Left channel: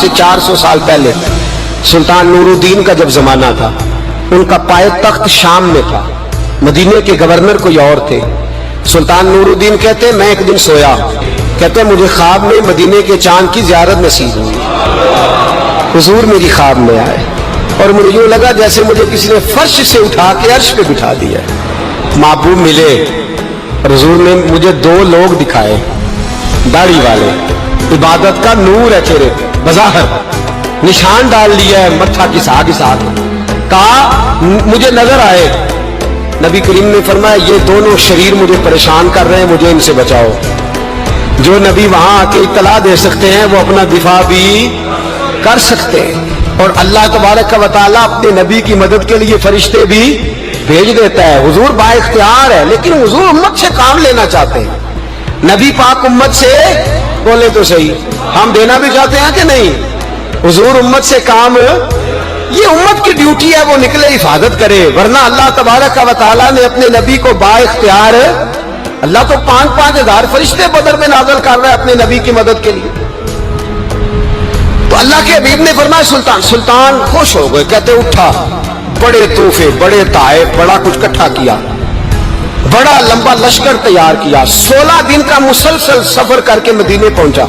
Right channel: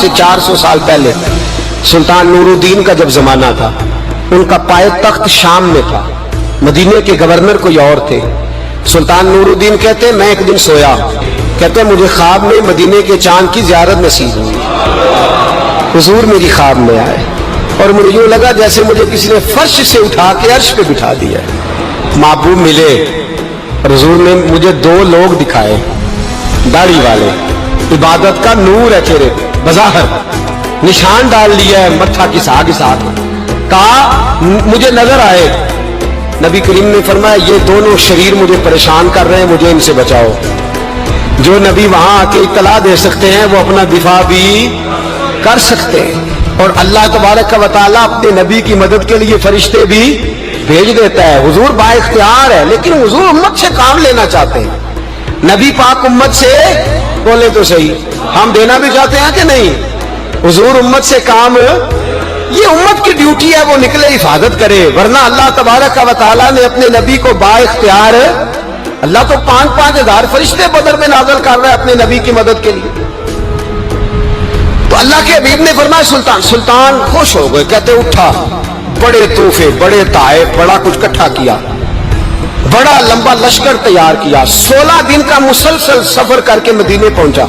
سے 400 سال پہلے سلطان نورالدین کا جب زمانہ تھا، ان کا پائے تخت شام میں تھا، مدینے کے گورنر کوئی اور تھے۔ سلطان نورالدین کہتے ہیں میں ایک دن سویا، کہتے ہیں مجھے خواب میں مدینے کے چاند کی زیارت نصیب ہوئی، حضور میری خواب میں آئے اور مجھے یوں لگا جیسے مجھے کسی نے فرش سے اٹھا کے عرش پہ بٹھا دیا۔ محبوب ملے اور حضور نے مجھے 2 لوگ دکھائے، داڑھی والے، عبادت کا نور ہے چہرے پہ، بظاہر نشان ڈال لیا ہے متھا کسا کسا کے، کہا مجھے نظر آئے۔ نبی کریم نے فرمایا یہ دونوں شریر مجھے پریشان کر رہے ہیں، مجھے ان سے بچاؤ۔ جو نبی وہاں آ کے اطلاع دے سکتے ہیں وہ اپنا دفاع بھی کر سکتے ہیں، اور اللہ تبارک و تعالیٰ اپنے نبی کی مدد کے لیے فرشتے بھی بھیج دیتا ہے۔ حضور با اختیار ہے، لیکن حضور امت سے کام لینا چاہتے ہیں۔ نبی پاک امت سے بولے تو صحیح، ہم دینا بھی چاہتے ہیں کہ نہیں؟ حضور امت سے کام، یہ امت کی ڈیوٹی ہے، وہ نکلے حفاظت کرے، ورنہ اللہ تبارک و تعالیٰ نے اپنے نبی کو با اختیار، اللہ تو 5,000 ہزار فرشتے بدر میں نازل کر رہا ہے اپنے نبی کی مدد کے لیے۔ تو اللہ کے حبیب نے فرمایا سلطان خوش ہو گئے، کہتے اٹھا، بڑے تحفے، بڑے تحائف، بڑا کچھ اکٹھا کیا، بڑا لمبا لشکر تیار کیا، 16 دن کا مسلسل سفر کر کے مدینے پہنچا۔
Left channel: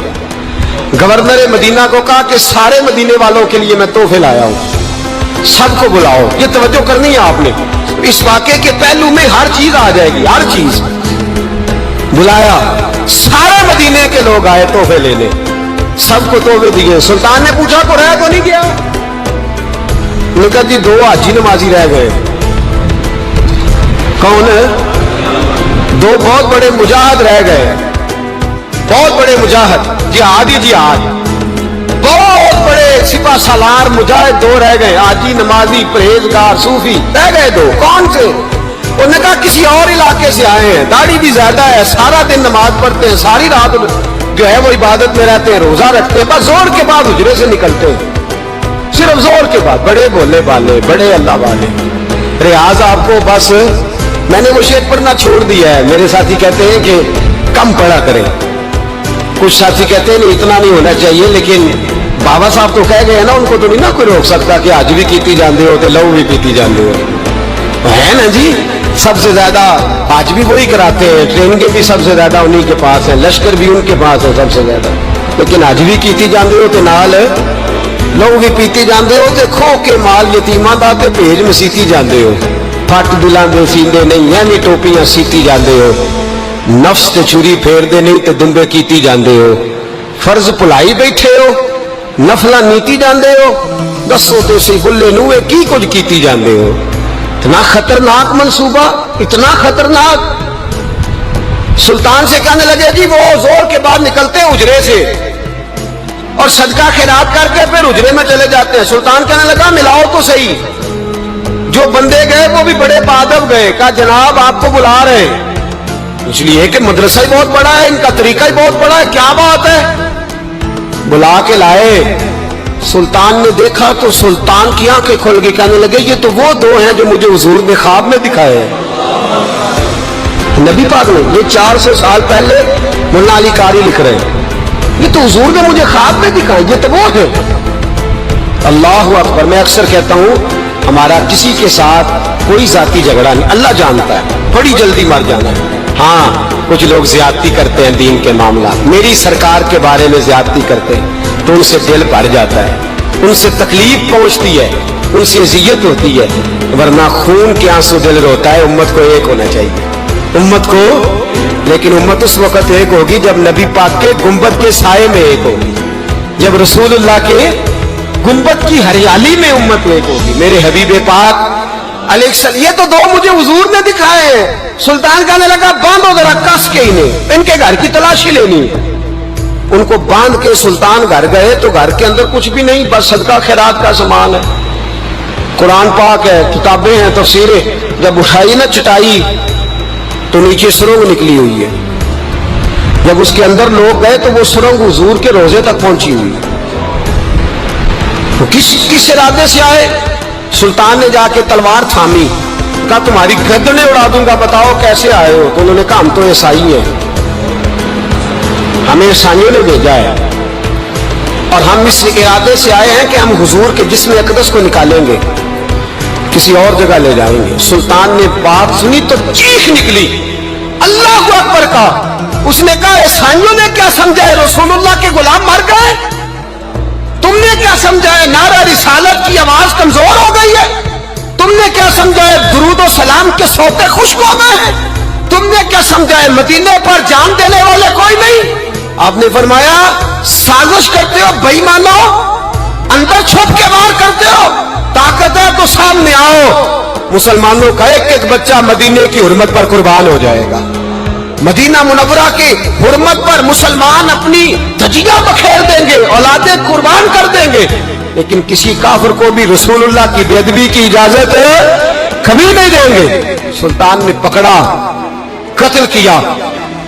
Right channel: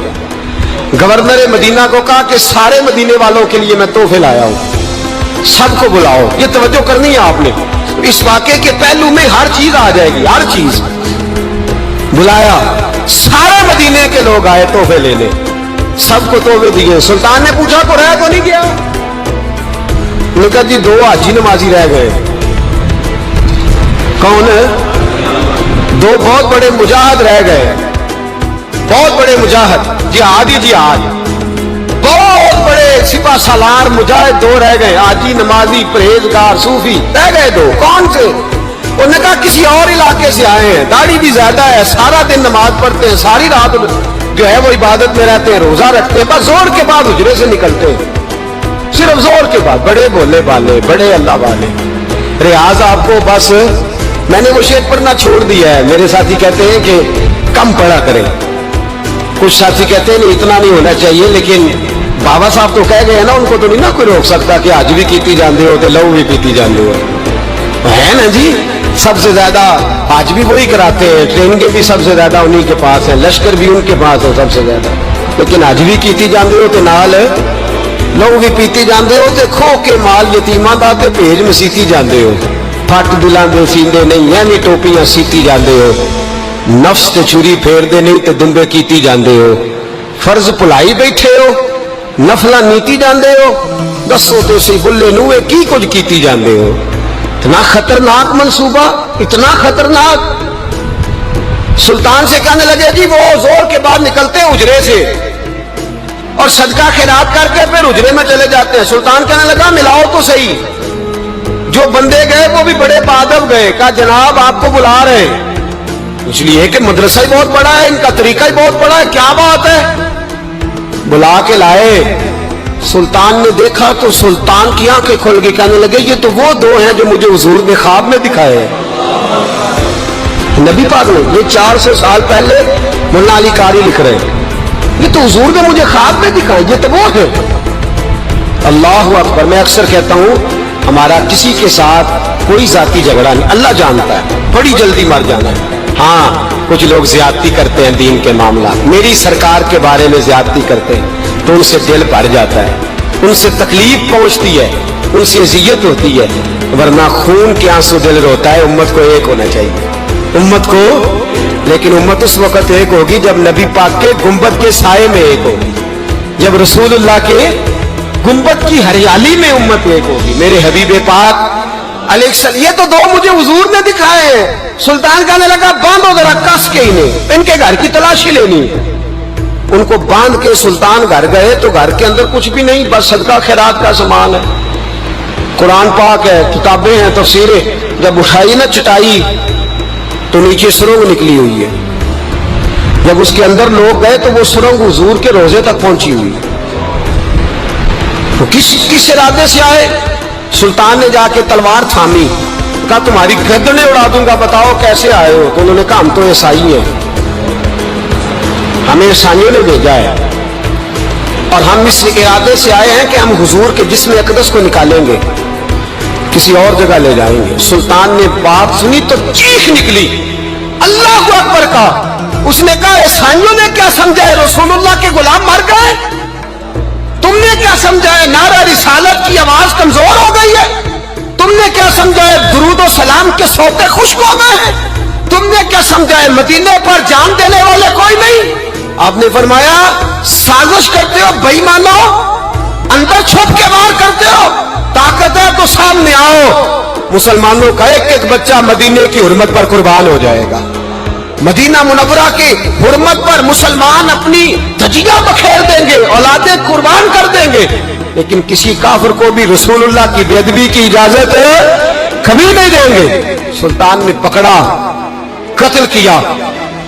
گورنر مدینہ کو کہا کہ سارے مدینے والوں کے لیے میں تحفے لایا ہوں، سب کو بلاؤ۔ یہ توجہ کرنی ہے آپ نے، اس واقعے کے پہلو میں ہر چیز آ جائے گی، ہر چیز۔ بلایا، سارے مدینے کے لوگ آئے تحفے لینے، سب کو تحفے دیے۔ سلطان نے پوچھا کو رہ تو نہیں گیا؟ انہوں نے کہا جی 2 حاجی نمازی رہ گئے۔ کون؟ 2 بہت بڑے مجاہد رہ گئے، بہت بڑے مجاہد، جہاد ہی جہاد، بہت بڑے سپاہ سالار مجاہد 2 رہ گئے، حاجی نمازی پرہیزگار صوفی رہ گئے 2۔ کون سے؟ انہوں نے کہا کسی اور علاقے سے آئے ہیں، داڑھی بھی زیادہ ہے، سارا دن نماز پڑھتے ہیں، ساری رات جو ہے وہ عبادت میں رہتے ہیں، روزہ رکھتے ہیں، بس زور کے بعد حجرے سے نکلتے ہیں، صرف زور کے بعد۔ بڑے بولے والے، بڑے اللہ والے۔ ریاض آپ کو بس میں نے وہ شعر پڑھنا چھوڑ دیا ہے، میرے ساتھی کہتے ہیں کہ کم پڑھا کریں، کچھ ساتھی کہتے ہیں نہیں اتنا نہیں ہونا چاہیے، لیکن بابا صاحب تو کہہ گئے ہیں نا، ان کو تو نہیں نا کوئی روک سکتا کہ آج بھی کیتی جاندے ہو تو لہو بھی پیتی جاندے ہو، ہے نا جی۔ سب سے زیادہ آج بھی وہی کراتے ہیں، ٹرین کے بھی سب سے زیادہ انہی کے پاس ہے، لشکر بھی ان کے پاس ہے سب سے زیادہ، لیکن آج بھی کیتی جاندے ہو تو نال لہو بھی پیتی جاندے ہو، تے کھو کے مال یتیماں دا تے بھیج مسیتی جاندے ہو، پھٹ دلاں دے سیندے نہیں یعنی ٹوپیاں سیتی جاندے ہو، نفس تے چوری پھیر دے نہیں تے دمبے کیتی جاندے ہو، فرض پلائی بیٹھے ہو، نفلہ نیتی جاندے ہو، دسو تے سی بلے نوے کی کچھ کیتی جاندے ہو۔ اتنا خطرناک منصوبہ، اتنا خطرناک۔ سلطان سے کہنے لگے جی وہ زور کے بعد نکلتے ہیں حجرے سے اور صدقہ خیرات کر کے پھر حجرے میں چلے جاتے ہیں۔ سلطان کہنے لگا ملاؤ تو صحیح۔ جو بندے گئے وہ بھی بڑے بادب گئے، کہا جناب آپ کو بلا رہے ہیں، اس لیے کہ مدرسہ ہی بہت بڑا ہے، ان کا طریقہ ہی بہت بڑا ہے، کیا بات ہے؟ بلا کے لائے۔ سلطان نے دیکھا تو سلطان کی آنکھیں کھل گئی، کہنے لگے یہ تو وہ 2 ہیں جو مجھے حضور نے خواب میں دکھائے ہیں۔ نبی پاک نے، یہ 400 سال پہلے مولانا علی قاری لکھ رہے ہیں، یہ تو حضور نے مجھے خواب میں دکھائے، یہ تو وہ ہے۔ اللہ اکبر۔ میں اکثر کہتا ہوں ہمارا کسی کے ساتھ کوئی ذاتی جھگڑا نہیں، اللہ جانتا ہے، بڑی جلدی مر جانا ہے۔ ہاں کچھ لوگ زیادتی کرتے ہیں دین کے معاملات، میری سرکار کے بارے میں زیادتی کرتے ہیں تو ان سے دل بھر جاتا ہے، ان سے تکلیف پہنچتی ہے، ان سے اذیت ہوتی ہے، ورنہ خون کے آنسو دل روتا ہے۔ امت کو ایک ہونا چاہیے، امت کو، لیکن امت اس وقت ایک ہوگی جب نبی پاک کے گنبد کے سائے میں ایک ہوگی، جب رسول اللہ کے گنبد کی ہریالی میں امت ایک ہوگی۔ میرے حبیب پاک علیہ السلام، یہ تو 2 مجھے حضور نے دکھائے ہیں۔ سلطان کہنے لگا باندھو ذرا کس کے انہیں، ان کے گھر کی تلاشی لینی۔ ان کو باندھ کے سلطان گھر گئے تو گھر کے اندر کچھ بھی نہیں، بس صدقہ خیرات کا سامان ہے، قرآن پاک ہے، کتابیں ہیں، تفسیریں۔ جب اٹھائی نا چٹائی تو نیچے سرنگ نکلی ہوئی ہے، جب اس کے اندر لوگ گئے تو وہ سرنگ حضور کے روزے تک پہنچی ہوئی۔ تو کس ارادے سے آئے؟ سلطان نے جا کے تلوار تھامی، کہا تمہاری گردنیں اڑا دوں گا، بتاؤ کیسے آئے ہو؟ تو انہوں نے کہا ہم تو عیسائی ہیں، ہمیں عیسائیوں نے بھیجا ہے۔ اور ہم اس ارادے سے آئے ہیں کہ ہم حضور کے جسم اقدس کو نکالیں گے، کسی اور جگہ لے جائیں گے۔ سلطان نے بات سنی تو چیخ نکلی، اللہ اکبر کہا۔ اس نے کہا عیسائیوں نے کیا سمجھا ہے رسول اللہ کے غلام مر گئے؟ تم نے کیا سمجھا ہے نعرہ رسالت کی آواز کمزور ہو گئی ہے؟ تم نے کیا سمجھا ہے درود و سلام کے سوتے خشک ہو گئے ہیں؟ تم نے کیا سمجھا ہے مدینے پر جان دینے والے کوئی نہیں؟ آپ نے فرمایا سازش کرتے ہو بے ایمانو، اندر چھپ کے وار کرتے ہو، طاقت ہے تو سامنے آؤ۔ مسلمانوں کا ایک ایک بچہ مدینے کی حرمت پر قربان ہو جائے گا، مدینہ منورہ کی حرمت پر مسلمان اپنی دھجیاں بکھیر دیں گے، اولادیں قربان کر دیں گے، لیکن کسی کافر کو بھی رسول اللہ کی بے ادبی کی اجازت کبھی نہیں دیں گے۔ سلطان نے پکڑا، قتل کیا،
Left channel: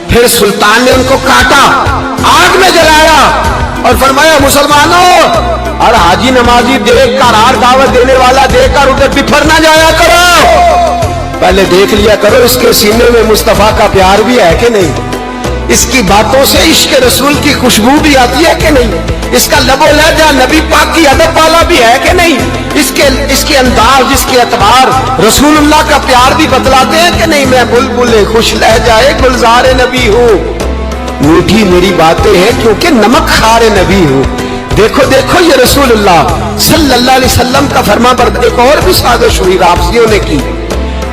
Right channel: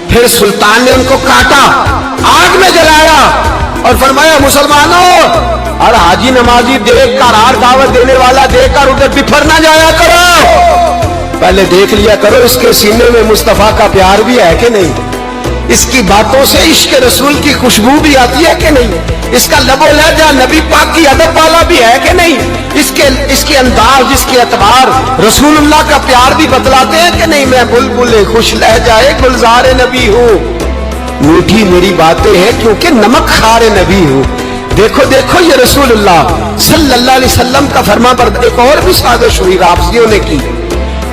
پھر سلطان نے ان کو کاٹا، آگ میں جلایا اور فرمایا مسلمانوں اور حاجی نمازی دیکھ کر، ہار دعوت دینے والا دیکھ کر ادھر بفر نہ جایا کرو، پہلے دیکھ لیا کرو اس کے سینے میں مصطفیٰ کا پیار بھی ہے کہ نہیں، اس کی باتوں سے عشق رسول کی خوشبو بھی آتی ہے کہ نہیں، اس کا لب و لہجہ نبی پاک کی ادب والا بھی ہے کہ نہیں، اس کے انداز، اس کے اعتبار رسول اللہ کا پیار بھی بتلاتے ہیں کہ نہیں۔ میں بلبل خوش لہجہ گلزار نبی ہوں، میٹھی میری باتیں ہیں کیونکہ نمک خار نبی ہوں۔ دیکھو دیکھو یہ رسول اللہ صلی اللہ علیہ وسلم کا فرما بردار۔ ایک اور بھی سازش ہوئی رافضیوں نے کی،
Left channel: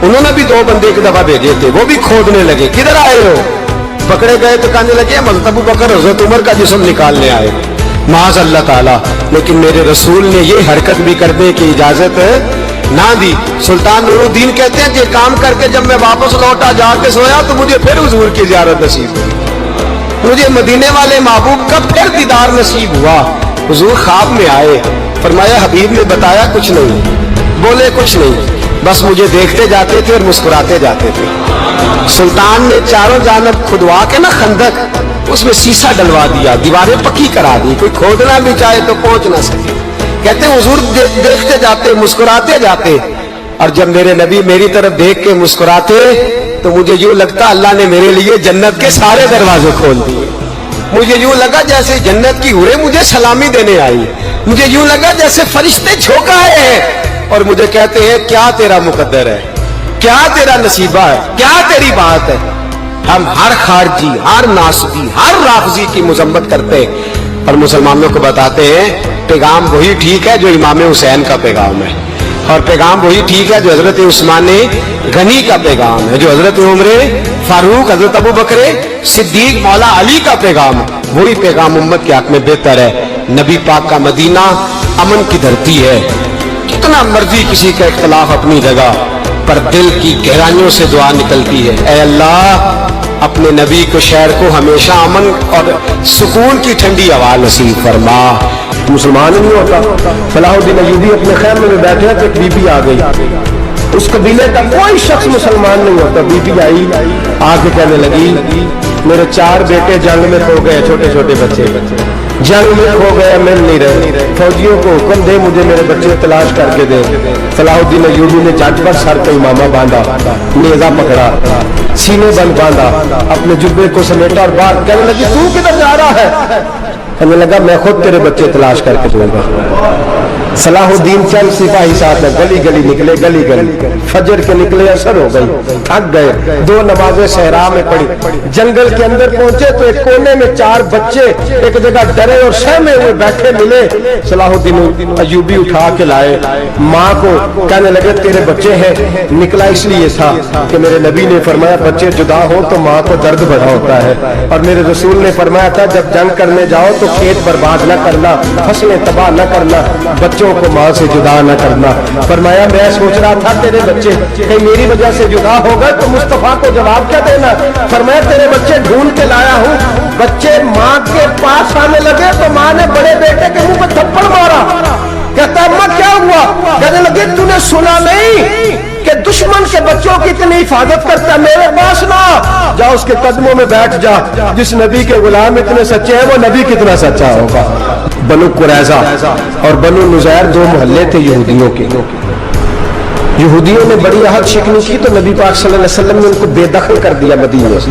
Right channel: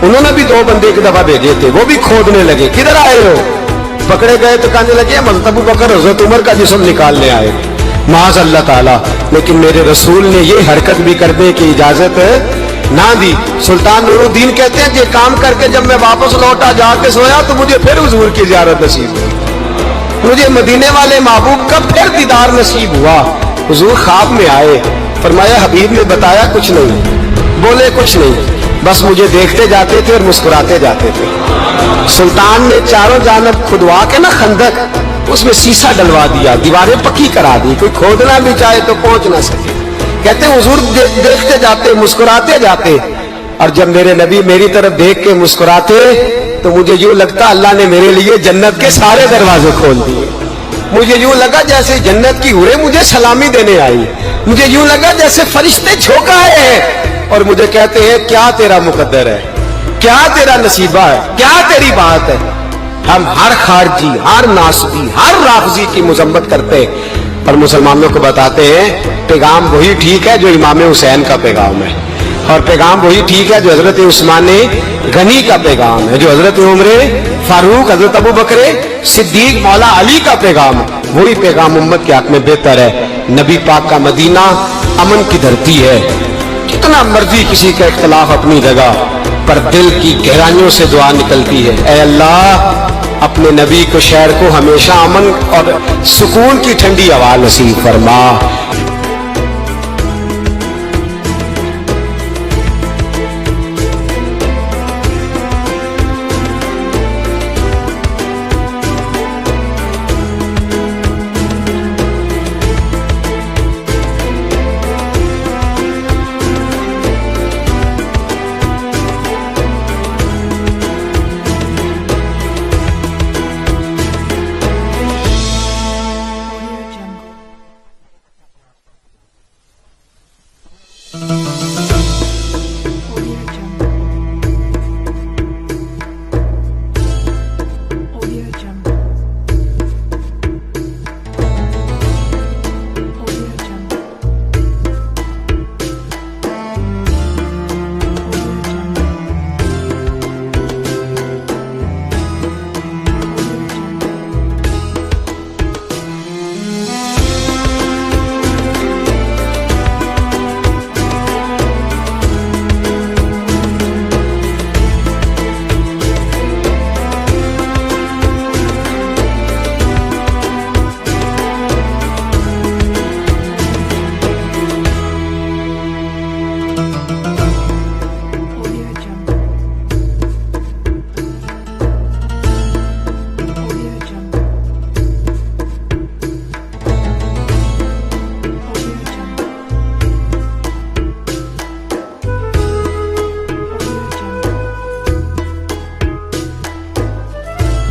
انہوں نے بھی دو بندے ایک دفعہ بھیجے تھے، وہ بھی کھودنے لگے، کدھر آئے ہو؟ پکڑے گئے تو کہنے لگے حضرت ابو بکر حضرت عمر کا جسم نکالنے آئے، معاذ اللہ تعالی، لیکن میرے رسول نے یہ حرکت بھی کرنے کی اجازت نہ دی۔ سلطان نور الدین کہتے ہیں یہ کام کر کے جب میں واپس لوٹا جا کے سویا تو مجھے پھر حضور کی زیارت نصیب ہوئی، مجھے مدینے والے محبوب کا پھر دیدار نصیب ہوا۔ حضور خواب میں آئے، فرمایا حبیب نے بتایا کچھ نہیں، بولے کچھ نہیں، بس مجھے دیکھتے جاتے تھے اور مسکراتے جاتے تھے۔ سلطان نے چاروں جانب کھدوا کے نا خندق، اس میں سیسا ڈلوا دیا، دیواریں پکی کرا دی، کوئی کھودنا بھی چاہے تو پہنچ نہ سکے۔ کہتے ہیں حضور دیکھتے جاتے، مسکراتے جاتے، اور جب میرے نبی میری طرف دیکھ کے مسکراتے تو مجھے یوں لگتا اللہ نے میرے لیے جنت کے سارے دروازے کھول دیے۔ مجھے یوں لگا جیسے جنت کی حوریں مجھے سلامی دینے آئی، مجھے یوں لگا جیسے فرشتے جھونک آئے ہیں اور مجھے کہتے ہیں کیا تیرا مقدر ہے، کیا تیرا نصیبہ ہے، کیا تیری بات ہے۔ ہم ہر خارجی، ہر ناسبی، ہر رافضی کی مذمت کرتے اور مسلمانوں کو بتاتے ہیں پیغام وہی ٹھیک ہے جو امام حسین کا پیغام ہے، اور پیغام وہی ٹھیک ہے جو حضرت عثمان غنی کا پیغام ہے، جو حضرت عمر فاروق، حضرت ابو بکر صدیق، مولا علی کا پیغام، وہی پیغام امت کے حق میں بہتر ہے۔ نبی پاک کا مدینہ امن کی دھرتی ہے، کتنا مرضی کسی کا اختلاف اپنی جگہ، پر دل کی گہرائیوں سے دعا نکلتی ہے، اے اللہ اپنے نبی کو، شہر کو ہمیشہ امن اور سکون کی ٹھنڈی ہوا نصیب فرما۔ مسلمان نہیں ہوتا، صلاح الدین ایوبی اپنے خیمے میں بیٹھے کہ بی بی آ گئی، اس قبیلے کا کوئی شخص مسلمان نہیں ہوتا، بی بی آئی، آ کے کہنے لگی میرے 4 بیٹے جنگ میں کھو گئے، چھوٹے چھوٹے بچے جنگ میں کھو گئے، مل نہیں رہے، فوجیوں کو حکم دے مجھے میرے بچے تلاش کر کے دے۔ صلاح الدین ایوبی نے جج پر سر پہ امامہ باندھا، نیزہ پکڑا، سینے بند باندھا، اپنے جبے کو سمیٹا اور بات کہنے لگی تو کدھر جا رہا ہے؟ کہنے لگا میں خود تیرے بچے تلاش کر کے دوں گا۔ صلاح الدین چند سپاہی ساتھ میں گلی گلی نکلے، گلی گلی فجر کے نکلے، اثر ہو گئی، تھک گئے، 2 نمازیں صحرا میں پڑھی، جنگل کے اندر پہنچے تو ایک کونے میں 4 بچے ایک جگہ ڈرے اور سہمے ہوئے بیٹھے ملے۔ صلاح الدین ایوبی اٹھا کے لائے، ماں کو کہنے لگے تیرے بچے ہیں، نکلا اس لیے تھا کہ میرے نبی نے فرمایا بچے جدا ہو تو ماں کو درد بڑا ہوتا ہے، اور میرے رسول نے فرمایا تھا جب جنگ کرنے جاؤ تو کھیت برباد نہ کرنا، فصلیں تباہ نہ کرنا، بچوں کو ماں سے جدا نہ کرنا۔ فرمایا میں سوچ رہا تھا تیرے بچے کہ میری وجہ سے جدا ہو گئے تو مصطفیٰ کو جواب کیا دینا؟ فرمایا تیرے بچے ڈھونڈ کے لایا ہوں۔ بچے ماں کے پاس آنے لگے تو ماں نے بڑے بیٹے کے منہ پہ تھپڑ مارا، کہتا اماں کیا ہوا؟ کہنے لگے تو نے سنا نہیں کہ دشمن کے بچوں کی اتنی حفاظت کرتا ہے؟ میرے پاس نہ جا، اس کے قدموں میں بیٹھ جا، جس نبی کے غلام اتنے سچے ہیں وہ نبی کتنا سچا ہوگا۔ بنو قریظہ اور بنو نذیر 2 محلے تھے یہودیوں کے، یہودیوں نے بڑی عہد شکنی کی تو نبی پاک صلی اللہ علیہ وسلم نے ان کو بے دخل کر دیا، مدینہ سے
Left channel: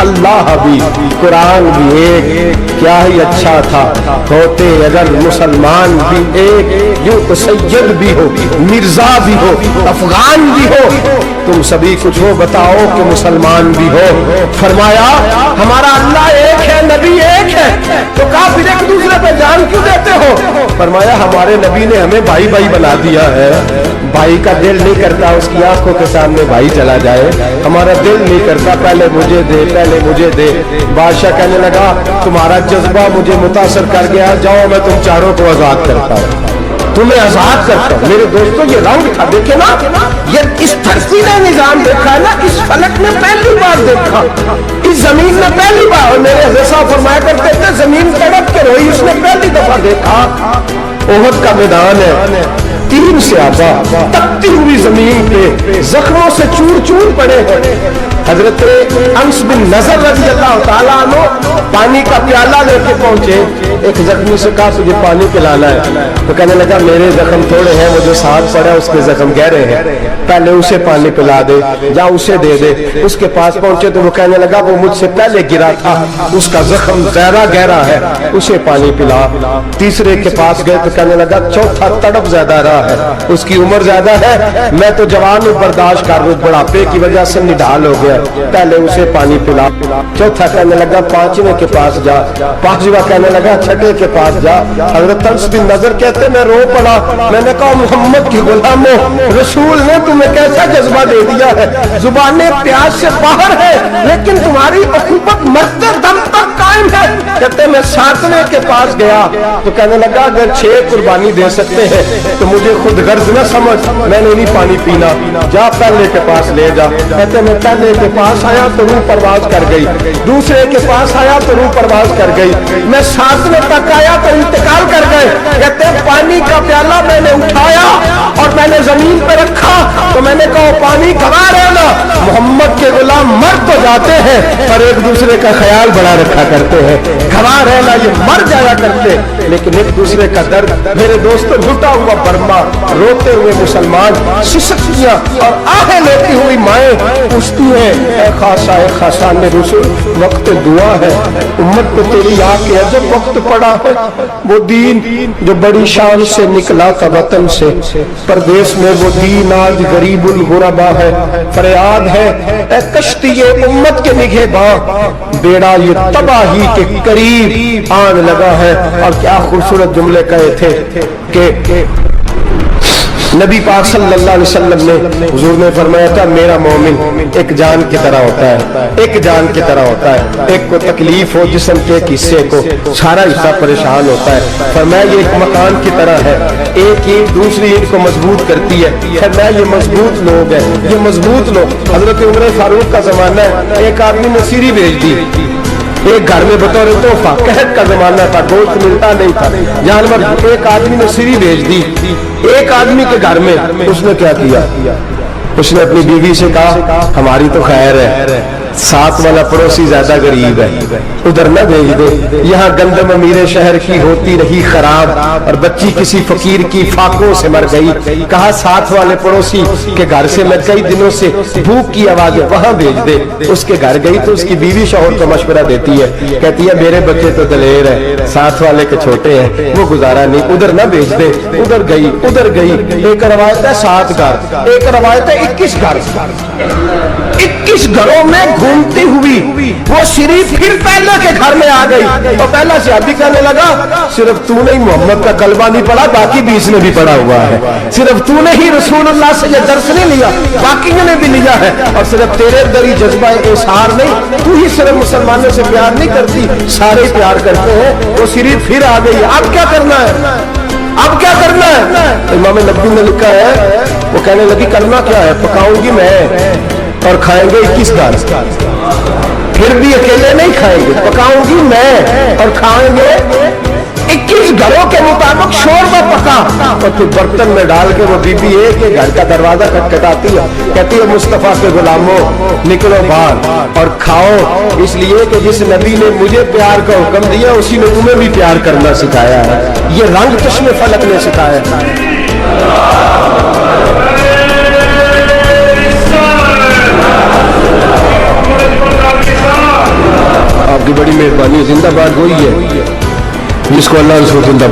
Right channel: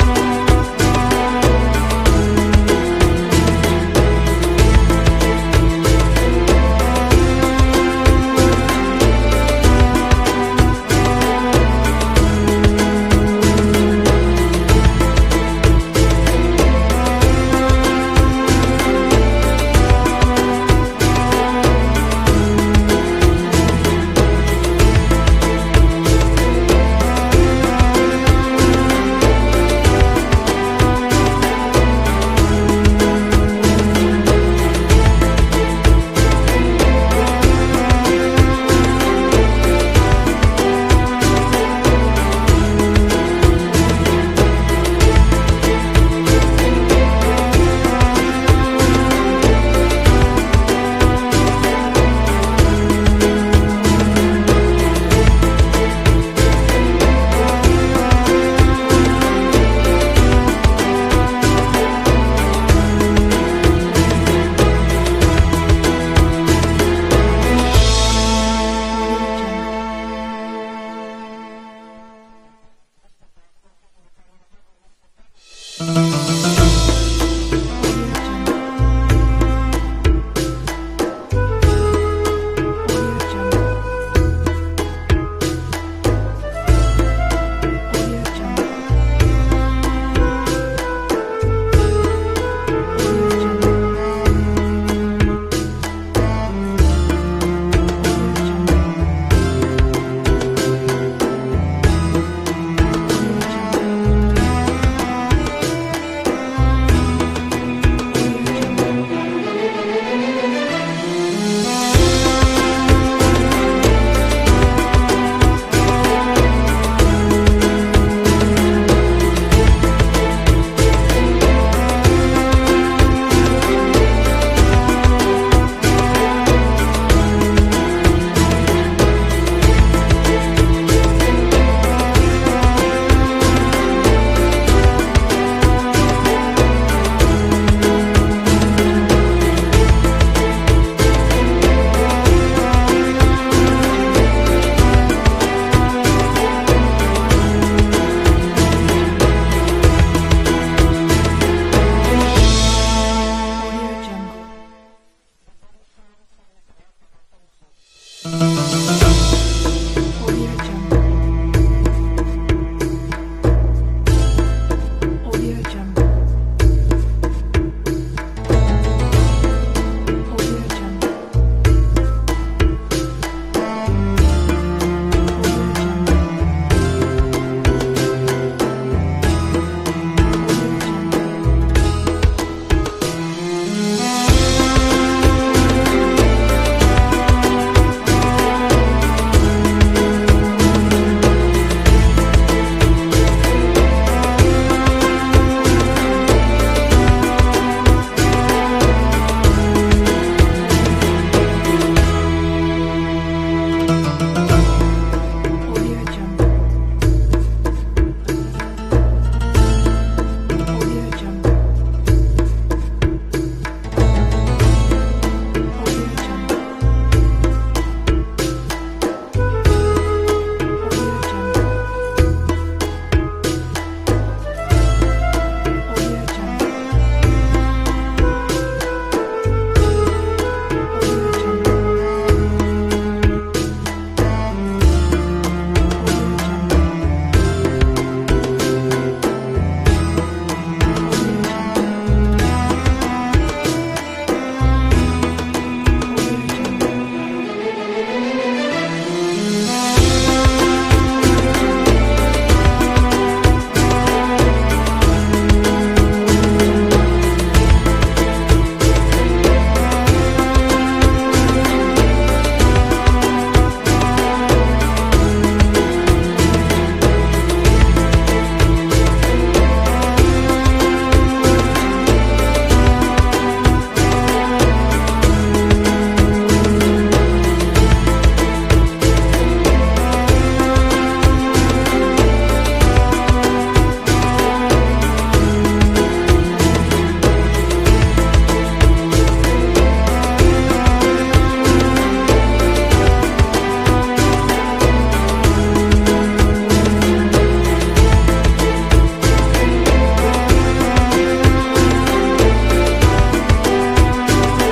اللہ بھی قرآن بھی ایک کیا ہی اچھا تھا ہوتے اگر مسلمان بھی ایک یوں تو سید بھی ہو مرزا بھی ہو افغان بھی ہو تم سبھی کچھ ہو بتاؤ کہ مسلمان بھی ہو فرمایا ہمارا اللہ ایک ہے نبی ایک ہے تو کافر ایک دوسرے پہ جان کیوں دیتے ہو فرمایا ہمارے نبی نے ہمیں بھائی بھائی بنا دیا ہے بھائی کا دل نہیں کرتا اس کی آنکھوں کے سامنے بھائی چلا جائے ہمارا دل نہیں کرتا پہلے مجھے دے بادشاہ کہنے لگا تمہارا جذبہ مجھے متاثر کر گیا جاؤ میں تم چاروں کو آزاد کرتا ہوں تمہیں آزاد کرتا ہوں میرے دوستوں یہ راؤنڈ تھا دیکھے نا یہ اس دھرتی نے نظام دیکھا ہے نا اس فلک نے پہلی بار دیکھا اس زمین نے پہلی بار اور میرے حضرت فرمایا کرتے تھے زمین تڑپ کے روئی اس نے پہلی دفعہ دیکھا احد کا میدان ہے تین صحابہ تپتی ہوئی زمین پہ زخموں سے چور چور پڑے ہیں حضرت انس بن نضر رضی اللہ تعالیٰ عنہ پانی کا پیالہ لے کے پہنچے ایک زخمی سے کہا تجھے پانی پلانا ہے تو کہنے لگا میرے زخم تھوڑے ہیں مجھے ساتھ پڑا اس کے زخم گہرے ہیں پہلے اسے پانی پلا دے یا اسے دے دے اس کے پاس پہنچے تو وہ کہنے لگا وہ مجھ سے پہلے گرا تھا اس کا زخم زیادہ گہرا ہے اسے پانی پلا تیسرے کے پاس گئے تو کہنے لگا چوتھا تڑپ زیادہ رہا ہے اس کی عمر زیادہ ہے میں تو جوان برداشت کر رہا بڑھاپے کی وجہ سے نڈھال ہو گیا پہلے اسے پانی پلا چوتھا کہنے لگا پانچویں کے پاس جا پانچواں کہنے لگا چھٹے کے پاس جا حضرت انس بن نضر کہتے میں رو پڑا میں نے کہا محمد کی غلاموں رسول نے تمہیں کیسا جذبہ دے دیا ہے زبانیں پیاس سے باہر ہے لیکن تمہاری اخوت مرتے دم تک قائم ہے کہتے میں ساتویں کے پاس گیا تو کہنے لگا اگر 6 قربانی دے سکتے ہیں تو مجھے خود غرض نہ سمجھ میں نے نہیں پانی پینا جا پہلے کے پاس لے جا کہتے میں پہلے کے پاس آیا تو روح پرواز کر گئی دوسرے کے پاس آیا تو روح پرواز کر گئی میں 7ویں تک آیا تو انتقال کر گئے کہتے پانی کا پیالہ میں نے اٹھایا اور میں نے زمین پہ رکھا تو میں نے کہا پانی کما رہنا محمد کے غلام مر تو جاتے ہیں پر ایک دوسرے کا خیال بڑا رکھا کرتے ہیں کما رہنا یہ مر جایا کرتے لیکن ایک دوسرے کا درد میرے دوست لٹا ہوا برما روتے ہوئے مسلمان سسکیاں اور آہیں لیتی ہوئی مائیں پوچھتی ہیں اے خاصان رسول وقت دعا ہے امت کو تیری آ کے ادب وقت پڑا ہے وہ دین جو بڑی شان سے نکلا تھا وطن سے پردیس میں وہ دین آج غریب الغربا ہے فریاد ہے اے کشتی امت کے نگہ باں بیڑا یہ تباہی کے قریب آن لگا ہے اور کیا خوبصورت جملے کہے تھے کہ نبی پاک صلی اللہ علیہ وسلم نے حضور نے فرمایا تھا میرا مومن ایک جان کی طرح ہوتا ہے ایک جان کی طرح ہوتا ہے ایک کو تکلیف ہو جسم کے ایک حصے کو سارا حصہ پریشان ہوتا ہے فرمایا یہ ایک مکان کی طرح ہے ایک ہی دوسری ایک کو مضبوط کرتی ہے فرمایا یہ مضبوط لوگ ہیں یہ مضبوط لوگ حضرت عمر فاروق کا زمانہ ہے ایک آدمی نے سیری بھیج دی ایک گھر میں بطور تحفہ قحط کا زمانہ تھا گوشت ملتا نہیں تھا جانور ایک آدمی نے سیری بھیج دی ایک آدمی کے گھر میں اس نے کیا کیا اس نے اپنی بیوی سے کہا ہماری تو خیر ہے ساتھ والا پڑوسی زیادہ غریب ہے ادھر نہ بھیج دے یہاں گندم امیر شہر کی ہوتی رہی خراب اور بچی کسی فقیر کی فاقوں سے مر گئی کہا ساتھ والے پڑوسی کے گھر سے میں کئی دنوں سے بھوک کی آواز وہاں بھیج دے اس کے گھر گئی تو اس کی بیوی شوہر کو مشورہ دیتی ہے کہتی ہے میرے بچے تو دلیر ہیں ساتھ والے کے چھوٹے ہیں وہ گزارا نہیں ادھر نہ بھیج دے ادھر گئی ایک روایت ہے 7 گھر ایک روایت ہے 21 گھر 21 گھروں میں گھومتی ہوئی وہ شریف پھر پہلے کے گھر میں آ گئی تو پہلا صحابی کہنے لگا صرف تو نے محمد کا کلمہ نہیں پڑھا باقی 20 نے بھی پڑھا ہوا ہے صرف تو نے ہی رسول اللہ سے یہ درس نہیں لیا باقی نے بھی لیا ہے اور صرف تیرے اندر ہی جذبہ اظہار نہیں تو ہی صرف مسلمانوں سے پیار نہیں کرتی سارے پیار کرتے ہیں وہ شریف پھر آ گئی اب کیا کرنا ہے اب کیا کرنا ہے امام نبوی نے لکھا ہے وہ کہنے لگی کلمہ کیا ہے پکاؤں گی میں اور کھائیں گے 21 گھر پھر بھی اکیلے نہیں کھائیں گے پکاؤں گی میں اور کھائیں گے 21 گھروں کے مطابق شوربہ پکا اور پھر برتن میں ڈال کے وہ بی بی ایک گھر کا دروازہ کھٹکھٹاتی ہے کہتی ہے مصطفیٰ کے غلاموں نکلو باہر اور کھاؤ اس لیے کہ جس نبی نے مجھے پیار کا حکم دیا اسی نے تمہیں بھی پیار کرنا سکھایا ہے یہ رنگ چشم فلک نے سکھایا ہے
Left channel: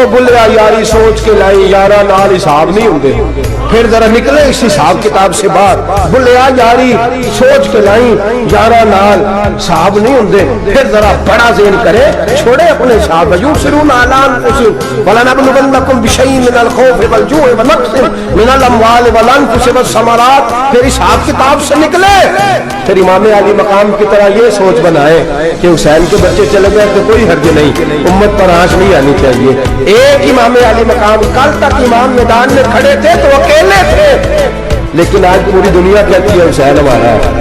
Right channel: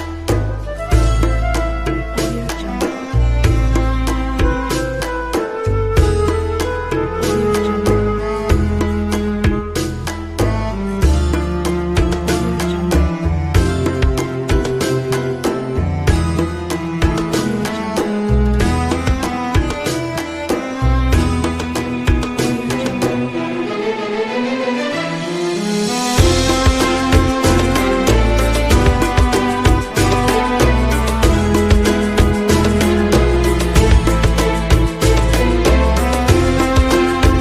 او بلیا یاری سوچ کے لائی یارا نال حساب نہیں ہوندے پھر ذرا نکلے اس حساب کتاب سے باہر بلیا یاری سوچ کے لائی یارا نال حساب نہیں ہوندے پھر ذرا بڑا ذہن کرے چھوڑے اپنے حساب یوسرون اعلان ولنبلونکم بشیء من الخوف والجوع ونقص من الاموال والانفس والثمرات پھر حساب کتاب سے نکلے پھر امام علی مقام کی طرح یہ سوچ بنائے کہ حسین کے بچے چلے گئے تو کوئی حرج نہیں امت پر آنچ نہیں آنی چاہیے ایک امام علی مقام کل تک امام میدان میں کھڑے تھے تو اکیلے تھے لیکن آج پوری دنیا کہتی ہے حسین ہمارا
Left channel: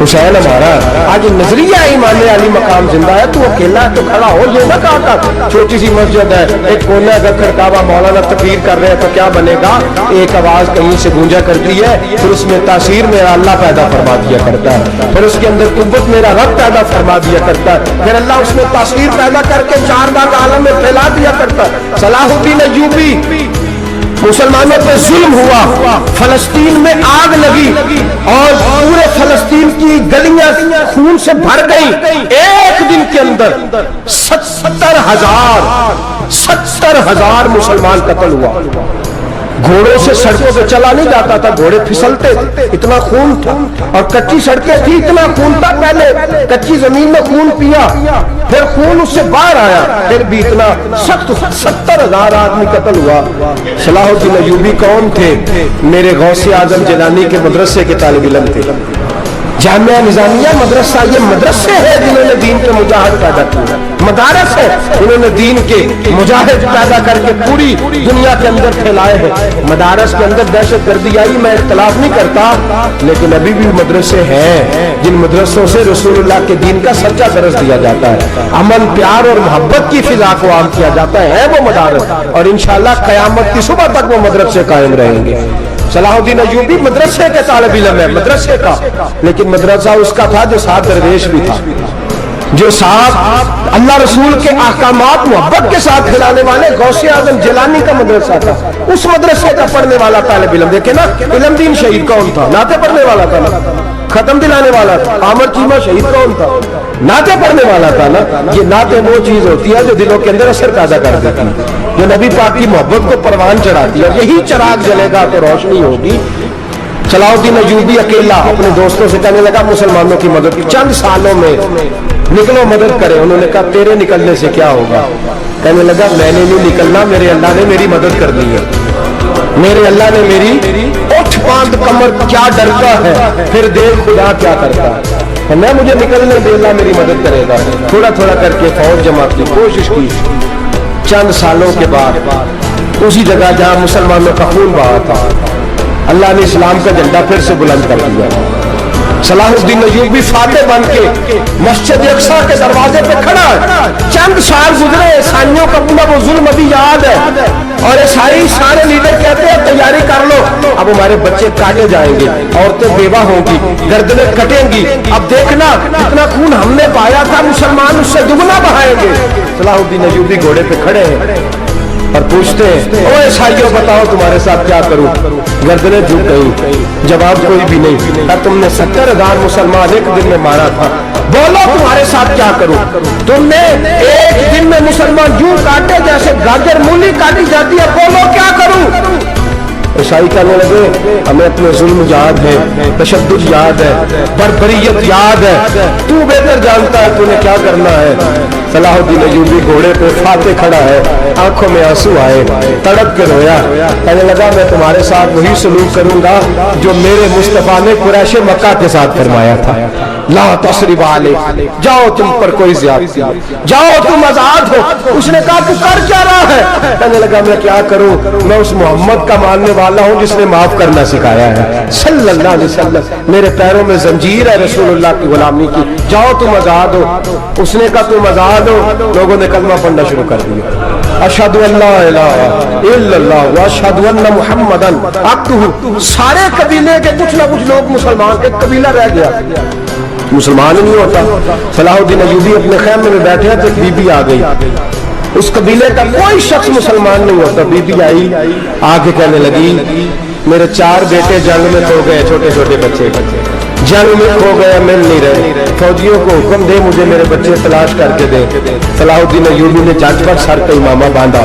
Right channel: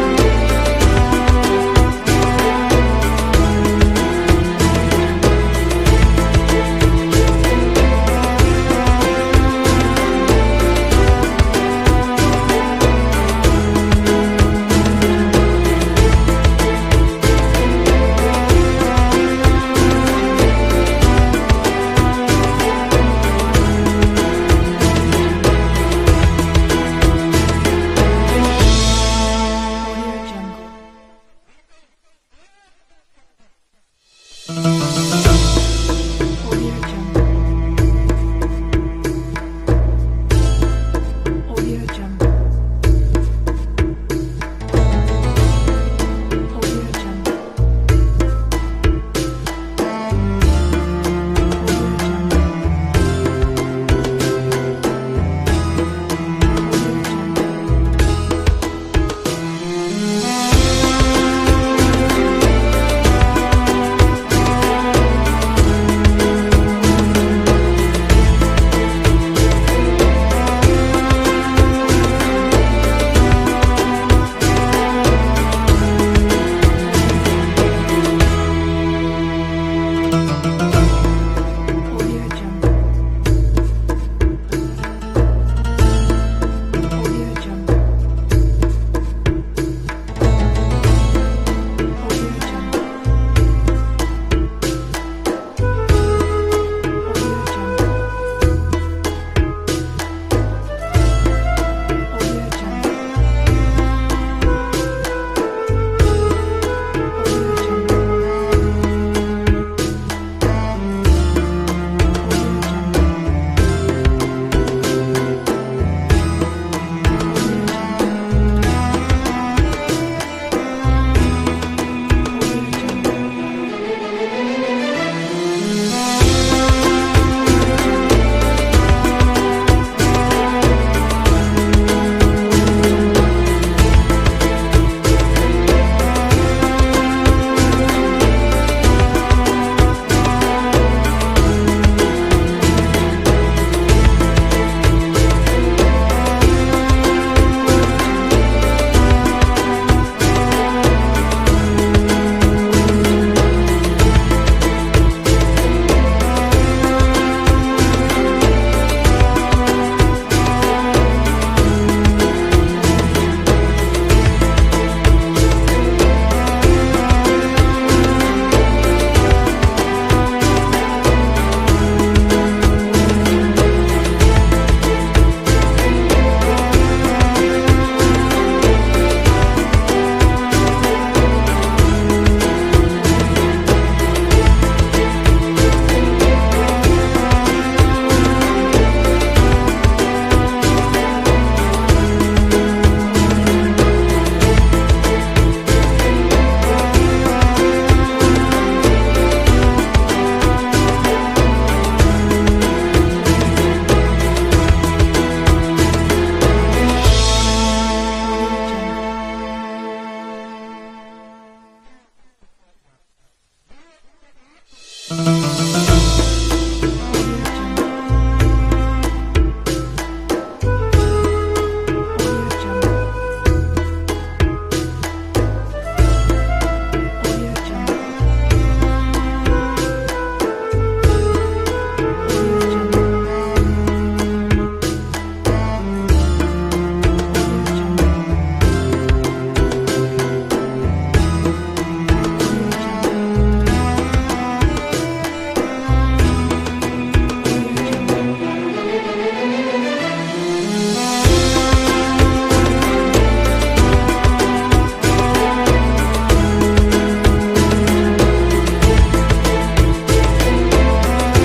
حسین ہمارا آج نظریہ امام علی مقام زندہ ہے تو اکیلا تو کھڑا ہو جو نہ کہا تھا چھوٹی سی مسجد ہے ایک کونا اگر پھر کعبہ مولانا تقریر کر رہے ہیں تو کیا بنے گا ایک آواز کہیں سے گونجا کرتی ہے پھر اس میں تاثیر میرا اللہ پیدا فرما دیا کرتا ہے پھر اس کے اندر قوت میرا رب پیدا فرما دیا کرتا ہے پھر اللہ اس میں تاثیر پیدا کر کے چار باغ عالم میں پھیلا دیا کرتا ہے صلاح الدین ایوبی مسلمانوں پہ ظلم ہوا فلسطین میں آگ لگی اور پورے فلسطین کی گلیاں خون سے بھر گئی ایک دن کے اندر 70,000 مسلمان قتل ہوا گھوڑوں سے سڑکوں پہ چلا نہیں جاتا تھا گھوڑے پھسلتے تھے اتنا خون تھا اور کچی سڑکیں تھی اتنا خون تھا پہلے کچی زمین میں خون پیا پھر خون اس سے باہر آیا پھر بھی اتنا سخت 70,000 آدمی قتل ہوا صلاح الدین ایوبی کون تھے میرے غوث اعظم جیلانی کے مدرسے کے طالب علم تھے جامعہ نظامیہ مدرسہ یہ مدرسے ہیں جنہوں نے دین کے مجاہد پیدا کیا مدارس ہے انہوں نے دین کے مجاہد پیدا کر کے پوری دنیا کے اندر پھیلائے ہیں مدارس کے اندر دہشت گردی آئی میں اختلاف نہیں کرتا لیکن ابھی بھی مدرسے ہیں جن مدرسوں سے رسول اللہ کے دین کا سچا درس دیا جاتا ہے امن پیار اور محبت کی فضا کو عام کیا جاتا ہے وہ مدارس اور انشاءاللہ قیامت کی صبح تک وہ مدرسے قائم رہیں گے صلاح الدین ایوبی مدرسے کے طالب علم ہے مدرسے کا لیکن مدرسہ اس کا تھا جو ساتھ درویش بھی تھا جو ساتھ اللہ رسول کے احکامات محبت کے ساتھ کھلانے والے غوث اعظم جیلانی کا مدرسہ تھا اس مدرسے کا پڑھنے والا طالب علم دیکھیں نا علم دین شہید کون تھا نعتیں پڑھنے والا تھا نا ختم دلانے والا تھا عامر چیمہ شہید کون تھا نعتیں پڑھنے والا تھا نا یہ نعتیں وہ چیز ہوتی ہے جو دلوں کے اندر اثر پیدا کرتا ہے جو نبی پاک کی محبت کو پروان چڑھاتی ہے یہی چراغ جلے گا تو روشنی ہوگی صلاح الدین ایوبی اکیلا اپنے دوستوں سے کہنے لگا مسلمانوں کی مدد کی چند سالوں میں نکلو مدد کرے انہوں نے کہا تیرے نکلنے سے کیا ہوگا کہنے لگا میں نے نہیں نکلنا میرے اللہ نے میری مدد کر دی ہے میرے اللہ نے میری اٹھ باندھ کمر کیا ڈرتا ہے پھر دیکھ خدا کیا کرتا ہے میں مجھے نکلنے دے اللہ میری مدد کرے گا تھوڑا تھوڑا کر کے فوج جمع کی کوشش کی چند سالوں کے بعد اسی جگہ جہاں مسلمانوں کا خون بہا تھا اللہ نے اسلام کا جھنڈا پھر سے بلند کر دیا صلاح الدین ایوبی فاتح بن کے مسجد اقصی کے دروازے پہ کھڑا چند سال گزرے عیسائیوں کا پورا وہ ظلم ابھی یاد ہے اور عیسائی سارے لیڈر کہتے ہیں تیاری کر لو اب ہمارے بچے کاٹے جائیں گے عورتیں بیوہ ہوں گی گردنیں کٹیں گی اب دیکھنا اتنا خون ہم نے پایا تھا مسلمان اس سے دگنا بہائیں گے صلاح الدین ایوبی گھوڑے پہ کھڑے ہیں اور پوچھتے ہیں او عیسائیوں بتاؤ تمہارے ساتھ کیا کروں گردنیں جھک گئی جواب کوئی بھی نہیں اور تم نے 70,000 مسلمان ایک دن میں مارا تھا بولو تمہارے ساتھ کیا کروں تم نے ایک دن میں مسلمان یوں کاٹے جیسے گاجر مولی کاٹی جاتی ہے بولو کیا کروں عیسائی کہنے لگے ہمیں اپنے ظلم یاد ہے تشدد یاد ہے بربریت یاد ہے تو بہتر جانتا ہے تو نے کیا کرنا ہے صلاح الدین ایوبی گھوڑے پہ فاتح کھڑا ہے آنکھوں میں آنسو آئے تڑپ کے رویا کہنے لگا میں تمہارے ساتھ وہی سلوک کروں گا جو میرے مصطفیٰ نے قریش مکہ کے ساتھ فرمایا تھا لا تثریب علیکم جاؤ تم پر کوئی زیادتی جاؤ تم آزاد ہو اس نے کہا تو کر کیا رہا ہے کہنے لگا میں کیا کروں میں اس محمد کا ماننے والا ہوں جس نے معاف کرنا سکھایا ہے صلی اللہ علیہ وسلم میرے پیروں میں زنجیر ہے رسول اللہ کی غلامی کی جاؤ تم آزاد ہو اس نے کہا تم آزاد ہو لوگوں نے کلمہ پڑھنا شروع کر دیا اشہد ان لا الہ الا اللہ واشہد ان محمدن عبدہ سارے قبیلے کے کچھ نہ کچھ لوگ مسلمان ایک قبیلہ رہ گیا مسلمان ہی نہیں ہوتا صلاح الدین ایوبی اپنے خیمے میں بیٹھے تو بی بی آ گئی اس قبیلے کا کوئی شخص مسلمان نہیں ہوتا بی بی آئی آگے کہنے لگی میرے 4 بیٹے جنگ میں کھو گئے چھوٹے چھوٹے بچے جنگ میں کھو گئے مل نہیں رہے فوجیوں کو حکم دے مجھے میرے بچے تلاش کر کے دے صلاح الدین ایوبی نے جج پر سر پہ امامہ باندھا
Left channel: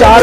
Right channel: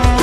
4